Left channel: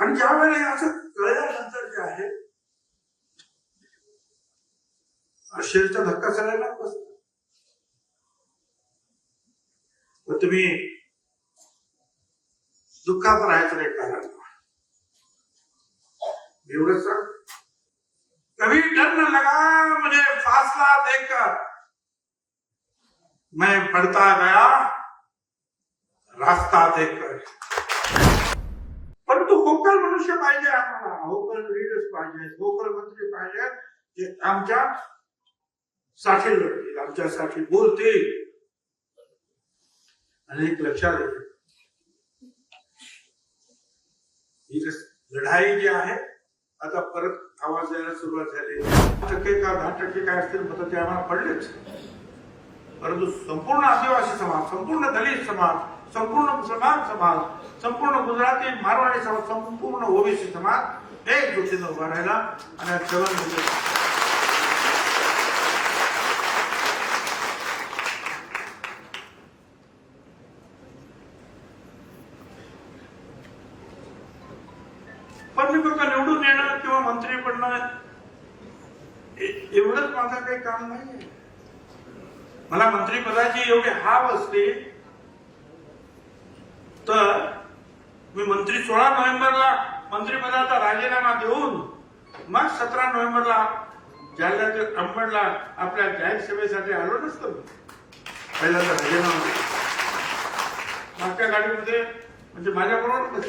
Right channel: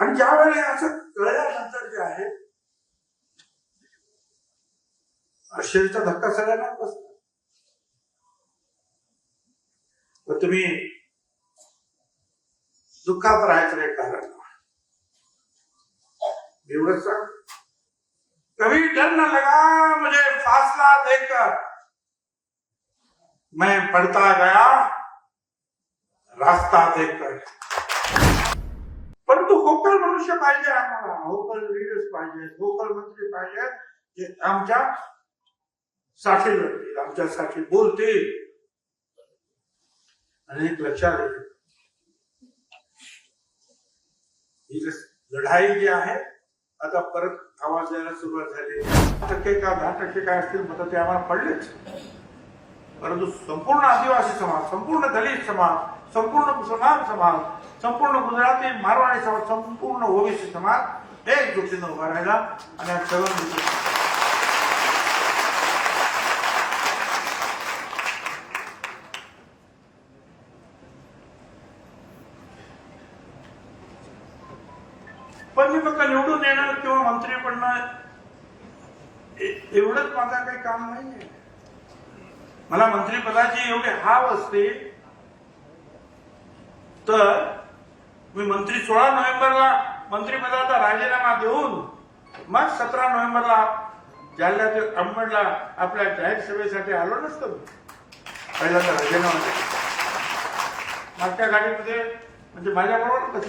आणि ज्या वेळेला असं कळल्यानंतर जे आहे आश्चर्याचा धक्का सगळ्यांना बसतो. तुम्ही दुःखात राहायचं नाही कारण एवढंच सांग. कभी डर न लगा मुझे फासला देकर, मैं पढ़ता गया रास्ता देखकर. परंतु होकल मनुष्य पाहिजे आम्हाला, होकल लीडर्स पाहिजे, होकल मंत्री पाहिजे जे आमच्या साठी लढतील, आमच्यासाठी बोलतील. आणि एक लक्षात येते ही लढाई जी आहे आता परत आवाज द्यायला सुरुवात झाली. 5% का 10% काय असतील मतं ते आम्हाला पडलेच, परंतु संपूर्ण आदिवासी समाज, संपूर्ण दलित समाज, संपूर्ण मुसलमान समाज, संपूर्ण गुजराती मारवाडी समाज, संपूर्ण ओबीसी समाज एक गोष्टीनं उभा राहिला आणि चलन पण मी फक्त निवडून येणं किंवा मंत्री बनणं एवढंच माझं काही काम नाहीये. मला मंत्रिपदाची एवढी हाव असते तर मी मंत्री 16 नोव्हेंबरला मंत्रिपदाचा राजीनामा देऊन मग 17 नोव्हेंबरला जालन्यातील अंबडला आपल्या जाहीर सभेसाठी आलो नसतो. पहिल्यांदा राजीनामा मागच्या गाडीमध्ये म्हणजे माझ्याबरोबर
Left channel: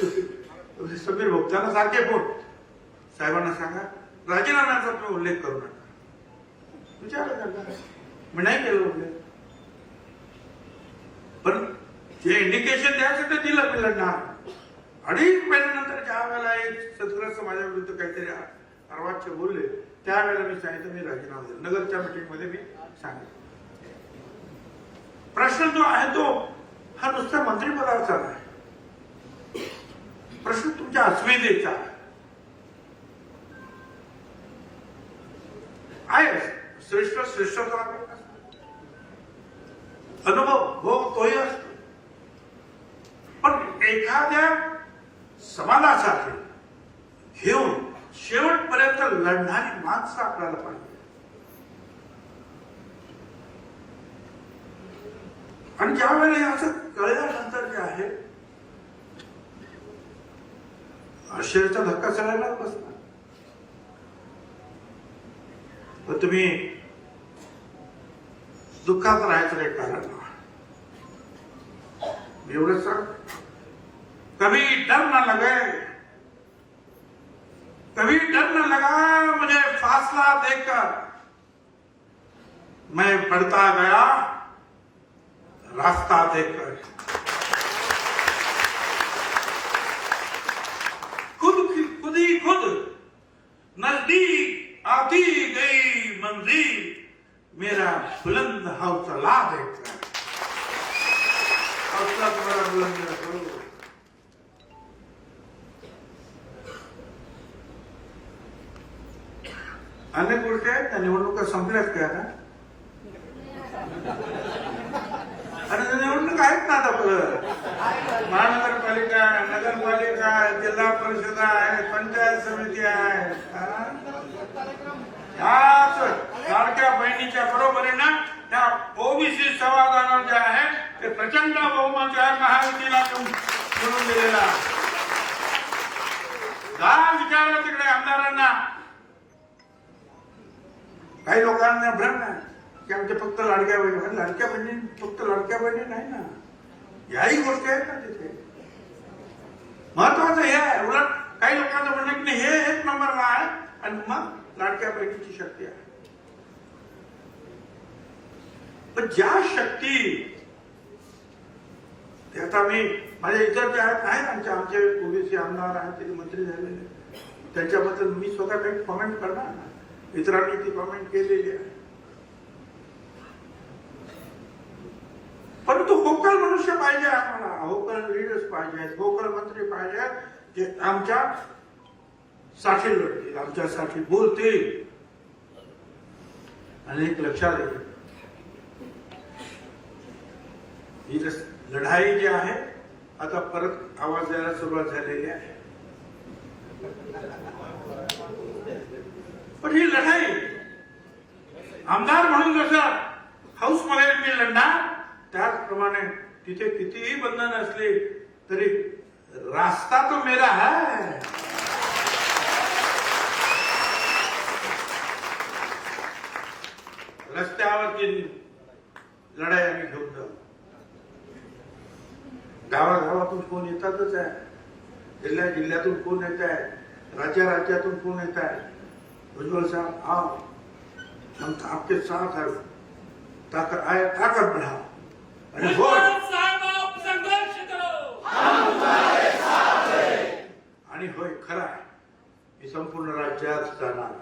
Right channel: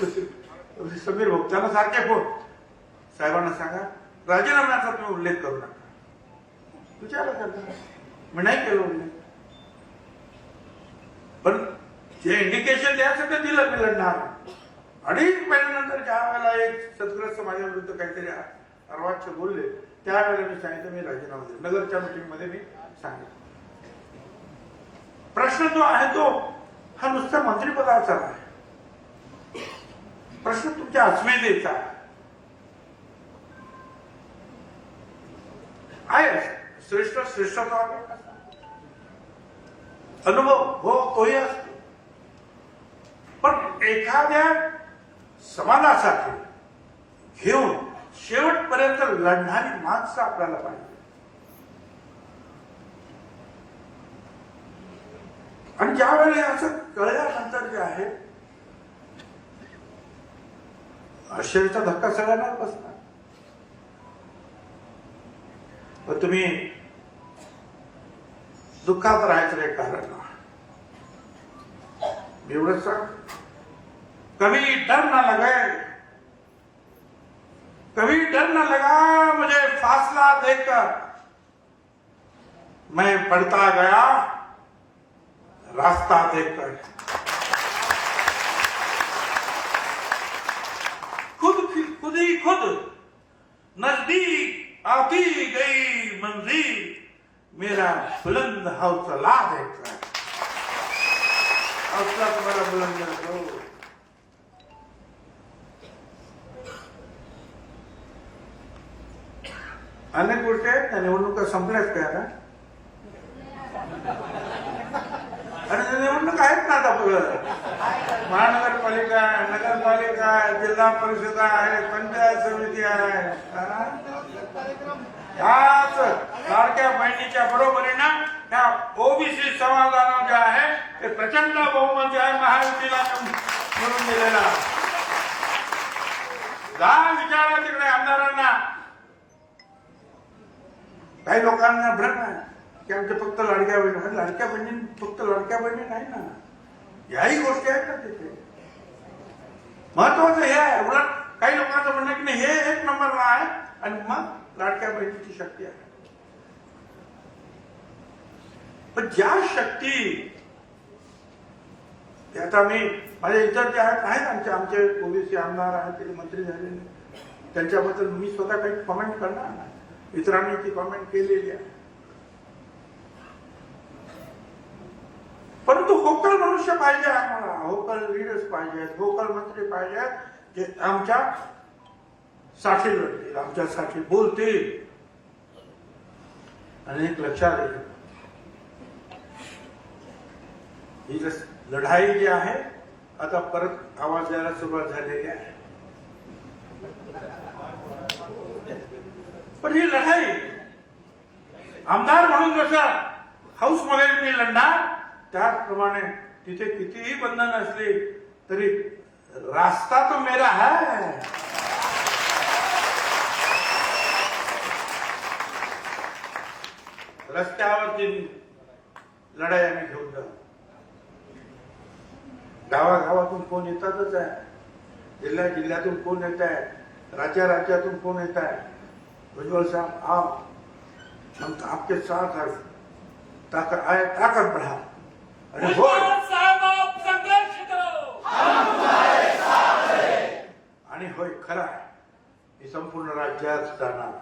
समीर भाऊ त्यांना सारखे फोन साहेबांना सांगा राजीनाम्याचा तुम्ही उल्लेख करू नका. विचार करता मी नाही केलं उल्लेख, पण जे इंडिकेशन द्यायचं ते दिलं मी लढणार. अडीच महिन्यानंतर ज्या वेळेला एक सदग्रस्त माझ्या विरुद्ध काहीतरी अर्वाच्य बोलले त्यावेळेला मी सांगितलं मी राजीनामा दिला. नगरच्या मीटिंगमध्ये मी सांगितलं. प्रश्न जो आहे तो हा नुसत्या मंत्रिपदाचा आहे, प्रश्न तुमच्या अस्मितेचा आहे. श्रेष्ठ श्रेष्ठत्व अनुभव हो तोही असतो, पण एखाद्या समाजासाठी घेऊन शेवटपर्यंत लढणारी माणसं आपल्याला पाहिजे. आणि ज्या वेळेला असं कळल्यानंतर जे आहे आश्चर्याचा धक्का सगळ्यांना बसतो. तुम्ही दुःखात राहायचं नाही कारण एवढंच सांग. कभी डर न लगे, कभी डर न लगा मुझे फासला देकर, मैं पढ़ता गया रास्ता देखकर. खुद नजदीक आती गई मंजिल, मेरा बुलंद हौसला देखकर. हौसला तुम्हाला बुलंद अनेक गोष्टी आहेत ना. निवडणुका संपल्यात काय ना, आणि निवडणूक आहेत ना आता पुढं. महानगरपालिका, नगरपालिका, जिल्हा परिषद आहे, पंचायत समिती आहे. याच लाडक्या बहिणीच्या बरोबरीनं त्या ओबीसी समाजाला जे आहे ते प्रचंड बहुमत आहे महायुतीला निवडून दिलेला. जा विचारा तिकडे आमदारांना. काही लोकांना भ्रम आहे की आमच्या फक्त लाडक्या बहिणी, लाडक्या बहिणी फक्त लाडक्या बहिणी नाही ना, याही गोष्टी आहेत ना तिथे. महत्वाचं हे आहे. उलट काही लोकांचं म्हणणं की हे एक नंबरला आहे आणि मग लाडक्या बहिणीची शक्ती आहे. पण ज्या शक्ती आता मी माझ्या इतर जे आहेत आमचे ओबीसी आमदार आहेत ते मंत्री झालेले, त्यांच्याबद्दल मी स्वतः काही कॉमेंट करणार ना, इतरांनी ती कॉमेंट केलेली आहे. परंतु होकल मनुष्य पाहिजे आम्हाला, होकल लीडर्स पाहिजेत, होकल मंत्री पाहिजे जे आमच्या साठी लढतील, आमच्यासाठी बोलतील. आणि एक लक्षात येते ही लढाई जी आहे आता परत आवाज द्यायला सुरुवात झालेली आहे. तिथे कितीही बंधन असले तरी रास्ता तो मेरा है. रस्त्यावरची लढाई आम्ही घेऊन जाऊ. गावागावातून कोण येतातच आहे, जिल्ह्या जिल्ह्यातून कोण येत आहे, राज्यातून कोण येत आहे. भुजबल साहब आप हम तो आपके साथ है, ताकत बढ़ा. आणि होय खरा आहे, हे संपूर्ण राज्यात जाणार.